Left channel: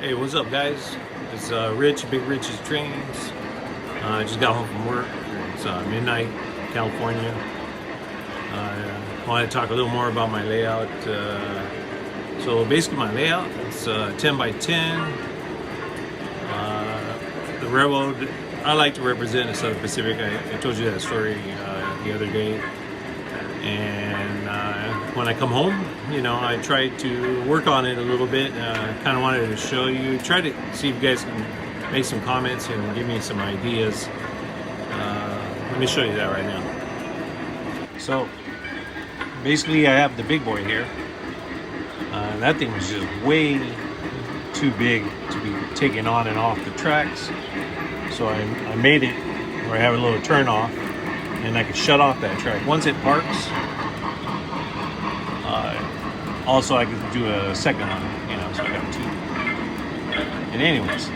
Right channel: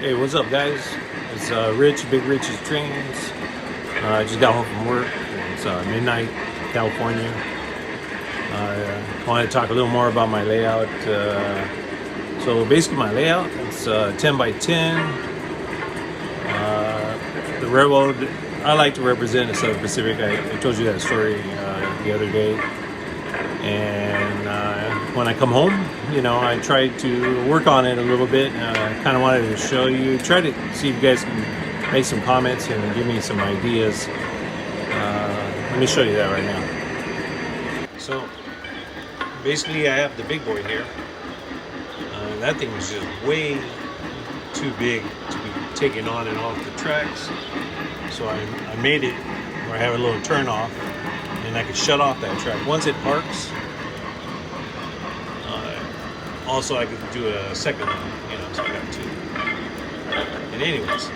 Hey, what's up, guys? It's Rich, Big Rich's Trains. I just got home from work. It's midnight, California. I wanted to talk a little more about my layout. So basically, my layout it's 10 by 10. The railroad I like to represent is Southern Pacific. I told you that story the other day. And when I come home, I try to work on it a little bit. I kind of wanted to show you, try to see if you guys can make some comments and give me some ideas. Let me show you that right now. So basically, I have the big boy here. That thing was just way too big to be taken on and off the tracks. So I made it where I have a little turn off and I can shut off that track. Once it parks, also I could do a second one, so I got two. And anyways,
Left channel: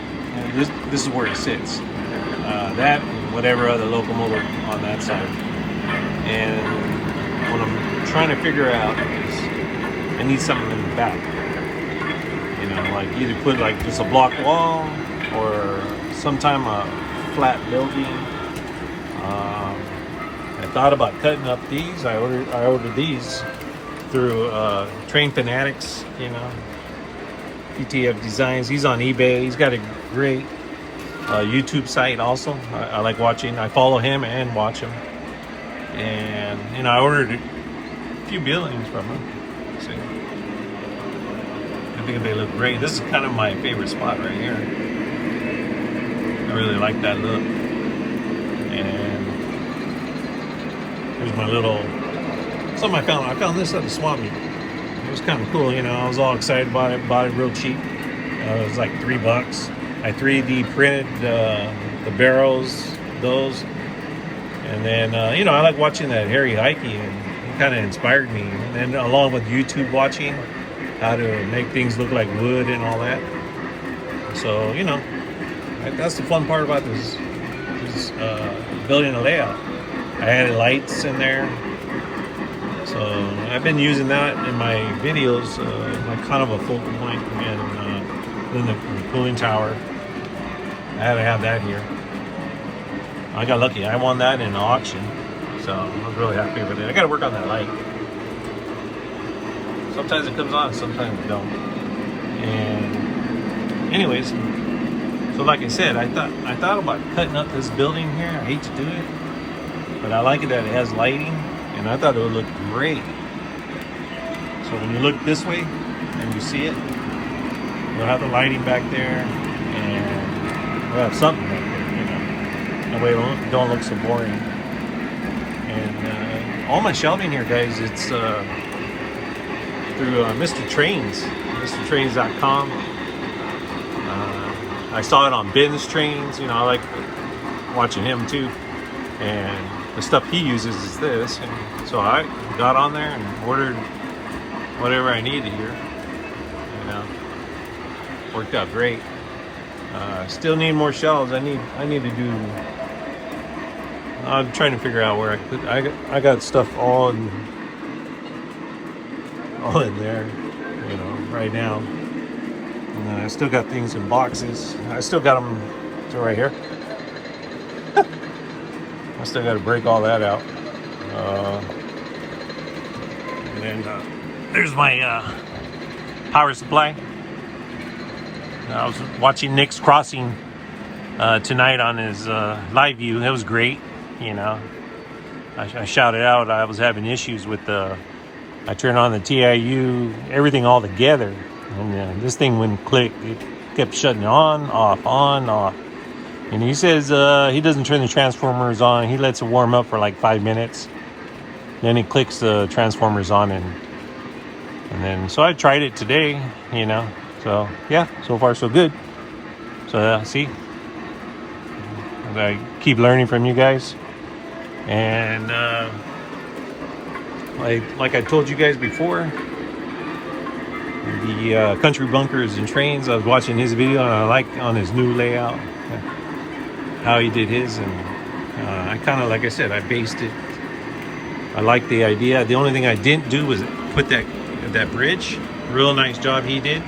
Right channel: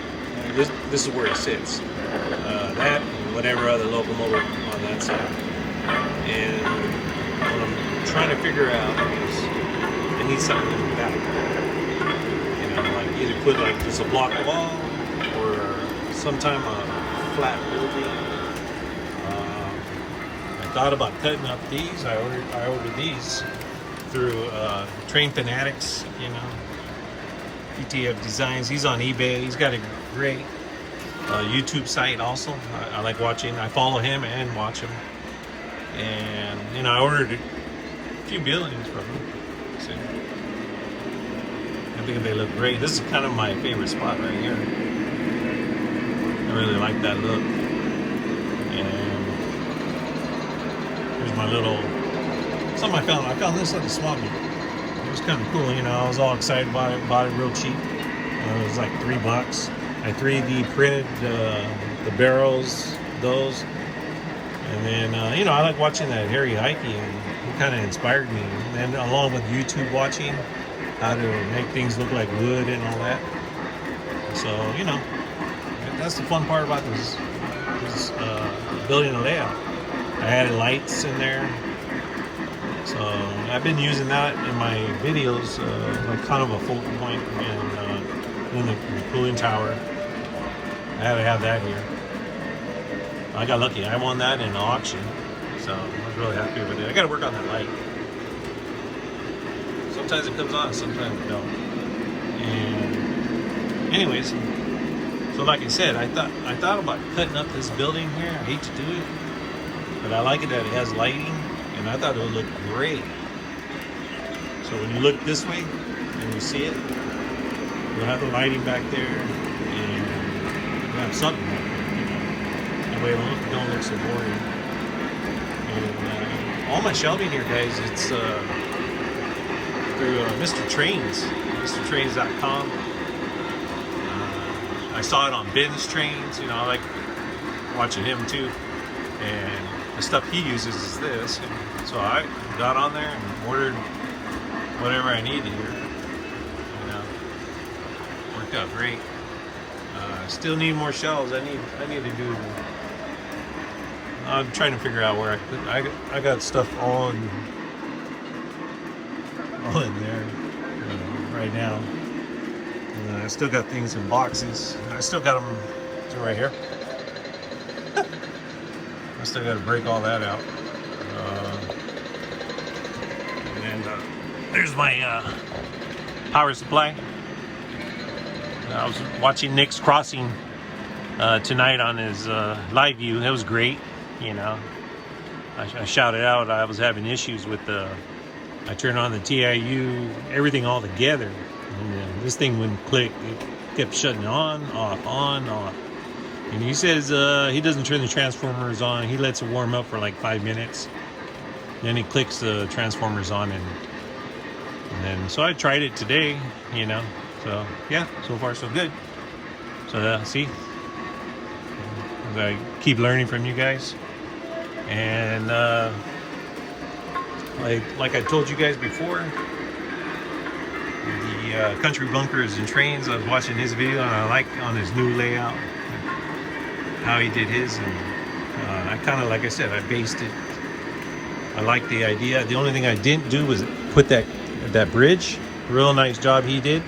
this is where it sits. That and whatever other locomotive on that side. And what I'm trying to figure out is I need something in the back. Like either put like just a block wall or sometime a flat building. I thought about cutting up these. I ordered these through Train Fanatics, PTF Designs. He's on eBay. He's got a great YouTube site also. I like watching. I follow him and watch him. And I ordered a few buildings from him. See, I think they look great. This is kind of my favorite spot right here. I really like that look. And here's my little something I found this at the swap meet. It was kind of cool, I was all excited about it. Bought it real cheap. It was like $3. I 3D printed the barrels, those, and then I like watching that Harry Heike, and he kind of inspired me. And then along with YouTube watching how to make things look like wood and all that. So that's the fun part about this building a layout. I added lights in there. So I've been using that in my videos, like kind of a focal point, and in the cooling tower. I had to have that here. I got lucky. I won that in an auction, so I'm really happy with it. I got to work on that light. Sometimes it comes on, sometimes it don't. And anyways, so like I said, I thought about cutting up this building here. I hate to do it, but I like it that it has lighting. And I thought it would look great. So when you look this way and you see it, we'll have the lighting back there, and we'll have something back there. That way it don't look so boring. And all my shelving here, guys, it's through Mr. Trains, MrTrains.com. I saw it on Ben's Trains. I like watching him too. And the stuff he uses is this, and so I got on there and ordered whatever I needed here. Worked out great. Still need more shelves. I need to do. I'm trying to figure out where I got stuff all in there, right now. And I still got things in boxes. I still got them right here. I still got to break all that out. And there's my power supply. I was watching Nick's Crossing tonight on his live view. It was great. I shouted out I was having issues with I turned on the TIU, everything all together. And this thing wouldn't click. It kept shutting on, off. And he says he doesn't turn the transformers on. He lets it warm up for like 5 minutes. Then he clicks the transformers on, and then so I tried it today, So yeah, so far so good. So see, I keep learning from you guys. And like I told you guys before, the Country Bunkers and Trains. I was watching his video, and I like on his new layout how he did his, and I kind of, like I said, I based it. I like the idea. The only thing I didn't do was put that bridge. Real nice job he did.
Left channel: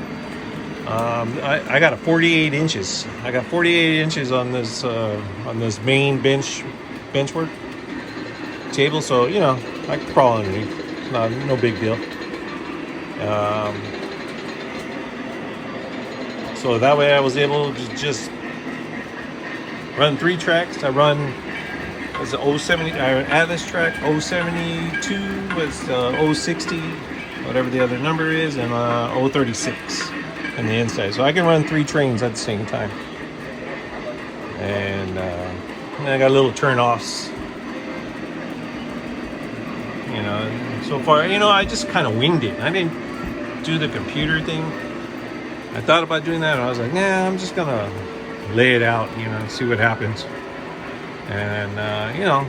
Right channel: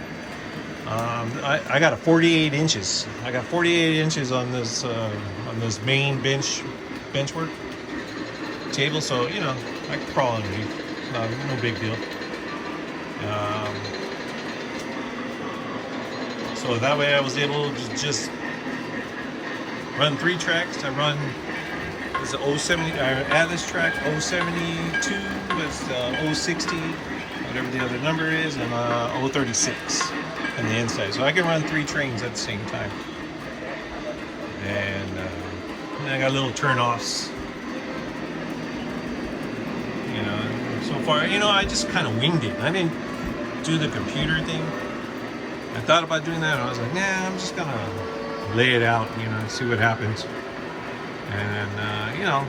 I got a 48 inches. I got 48 inches on this main bench work table, so you know I can crawl underneath. No big deal. So that way I was able to just run 3 tracks. I run was the 070 Atlas track, 072 was 060, whatever the other number is, and 036 on the inside. So I can run 3 trains at the same time. And I got little turn-offs. You know, so far, you know, I just kind of winged it. I didn't do the computer thing. I thought about doing that. I was like, nah, I'm just gonna lay it out, you know, see what happens. And you know,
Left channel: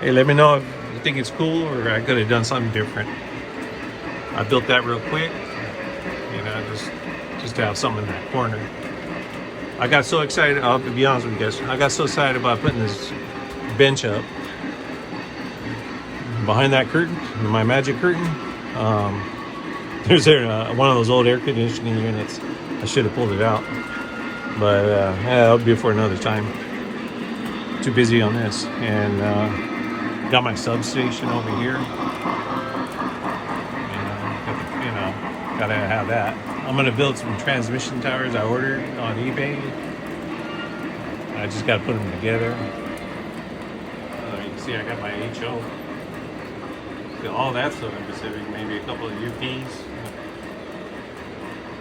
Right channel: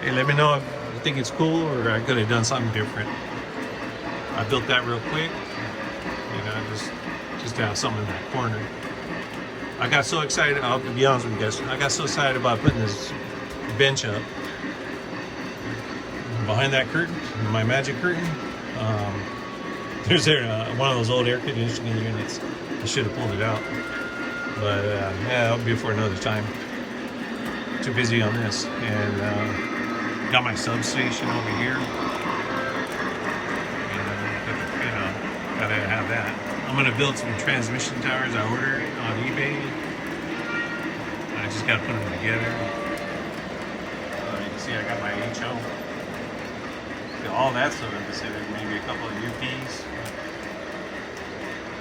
hey, let me know if you think it's cool or I could have done something different. I built that real quick, you know, just to have something in that corner. I got so excited. I'll be honest with you guys. I got so excited about putting this bench up behind that curtain, my magic curtain. There's one of those old air conditioning units. I should have pulled it out, but yeah, that'll be for another time. Too busy on this, and got my substation over here. You know, gotta have that. I'm gonna build some transmission towers I ordered on eBay. I just gotta put them together. You can see I got my HO. All that stuff considered, maybe a couple of UPs.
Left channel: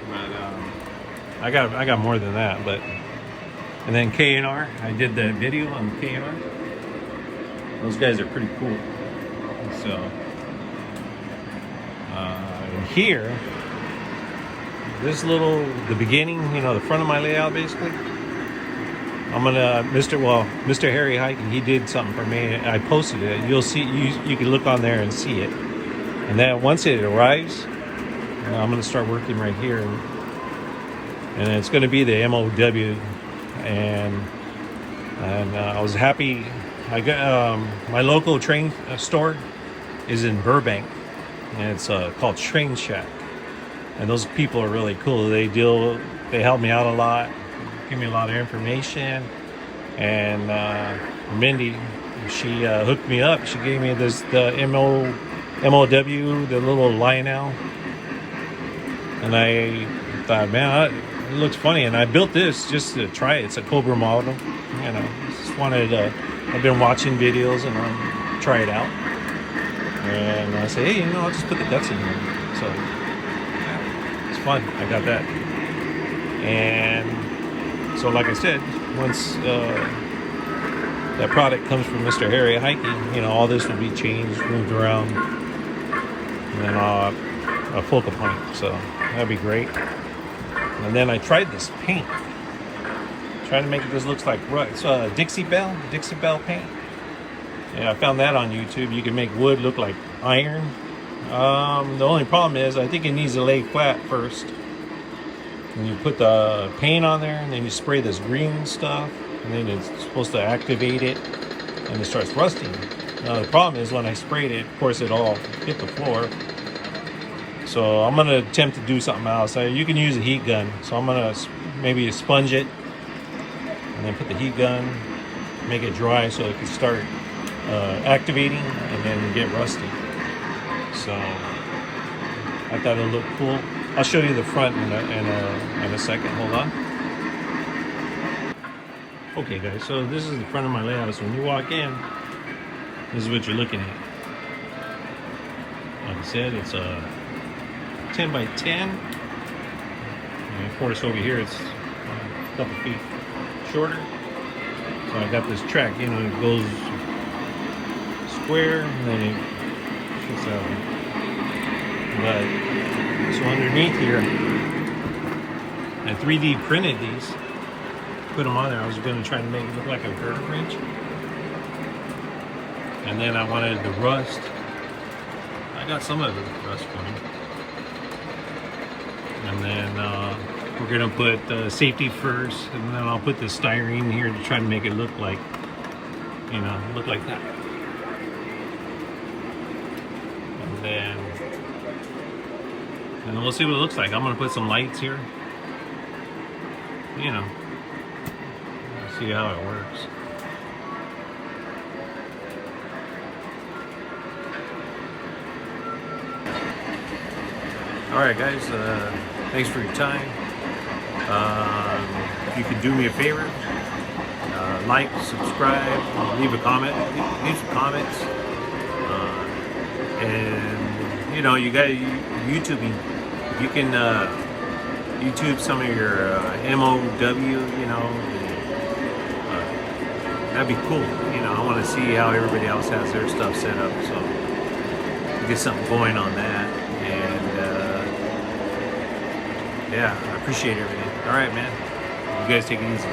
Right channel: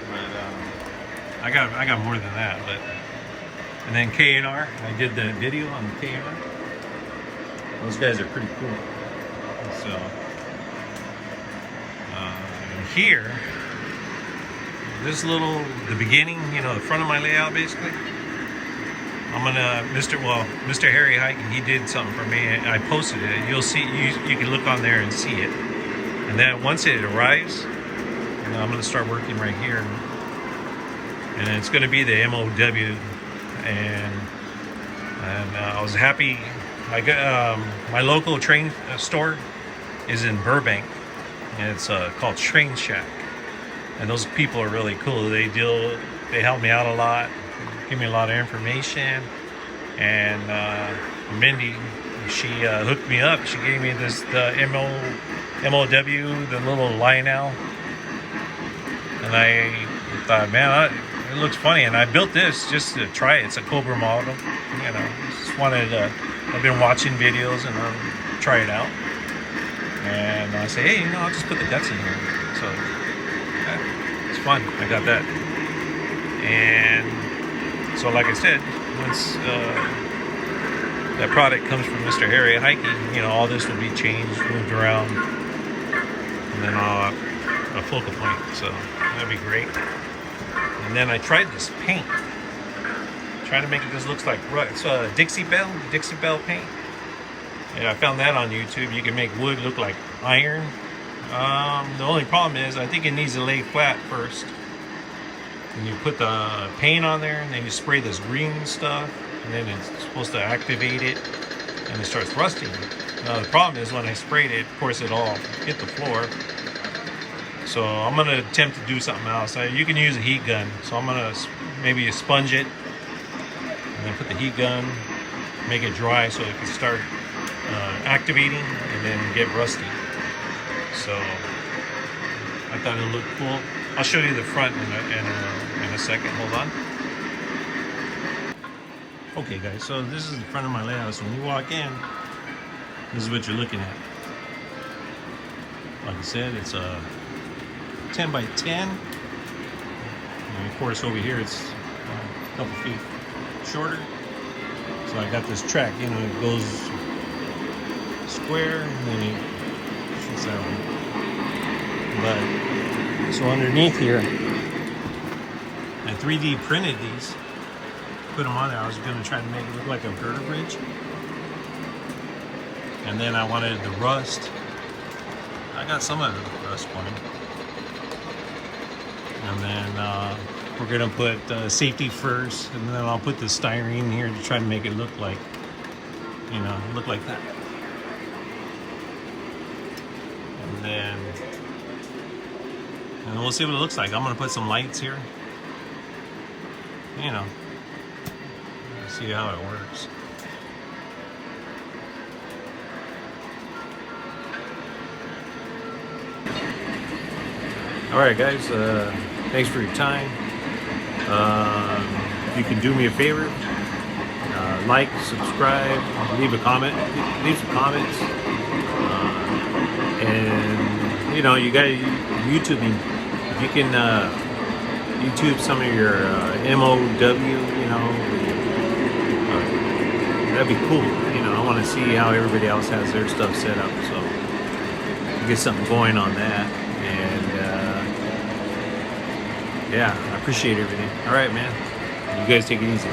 But I got more than that. But and then K&R, I did the video on K&R. Those guys are pretty cool. So here, this the beginning, you know, the front of my layout basically. I'm gonna, Mr. Harry Hiking, he did something for me. I posted it. You'll see, you can look on there and see it. And then once it arrives, I'm gonna start working right here. And it's gonna be the MOW. And I was happy. I got my local train store is in Burbank, and it's called Train Shack. And those people are really cool. They help me out a lot. Give me a lot of information, and Mindy, she hooked me up. She gave me the MOW, the little Lionel, and I thought, man, it looks funny, and I built this just to try it. It's a Cobra model, you know. Just wanted I've been watching videos and I'll try it out, and I say, hey, you know, I'll just put the guts in here. So yeah, it's fun. I got that, and so, like I said, once that product comes from Mr. Harry Hiking, you know, all this will be changed, moved around, and then a focal point. So that'd be great. And then I tried this paint, trying to make it. This looks like it's Dixie Belle paint. Yeah, I found that on YouTube. You can make wood look like iron. The only problem is I think it needs to lay flat first. And you put the paint on there, and then you spray this green stuff, and then it's supposed to activate it, and it starts rusting. Now the problem is when I sprayed it, of course it all hit the floor. So I'm gonna attempt to do something else. You can use a heat gun, so I'm gonna maybe sponge it, and then put the heat gun, make it dry so it can start activating, and then get rusty. So I thought it looked cool. I'll show you the front in a second. Hold on. Okay, guys. So this is the front of my layout. So when you walk in, this is what you're looking at. Like I said, it's a 10 by 10. And of course, over here it's a couple feet shorter. So I got this track. You know, it goes square, and then it shoots that way. But so underneath here, I 3D printed these, put them on there. I was going to try to make it look like a girder bridge. And then I wanted the rust. I got some of the rust going. And then we're going to put safety first, and then I'll put the styrene here to try to make it look like, you know, look like that. and we'll see what it looks like. I'm gonna put some lights here, you know, see how it works. All right, guys, thanks for your time. If you can do me a favor, like, subscribe, leave a comment, leave some comments, and you know, you got YouTubing. If you can YouTube some of your MOW, you know, that'd be cool. You know, I want to see how everybody else has their stuff set up, so get something going on that. And yeah, I appreciate everything. All right, man. You guys take it easy.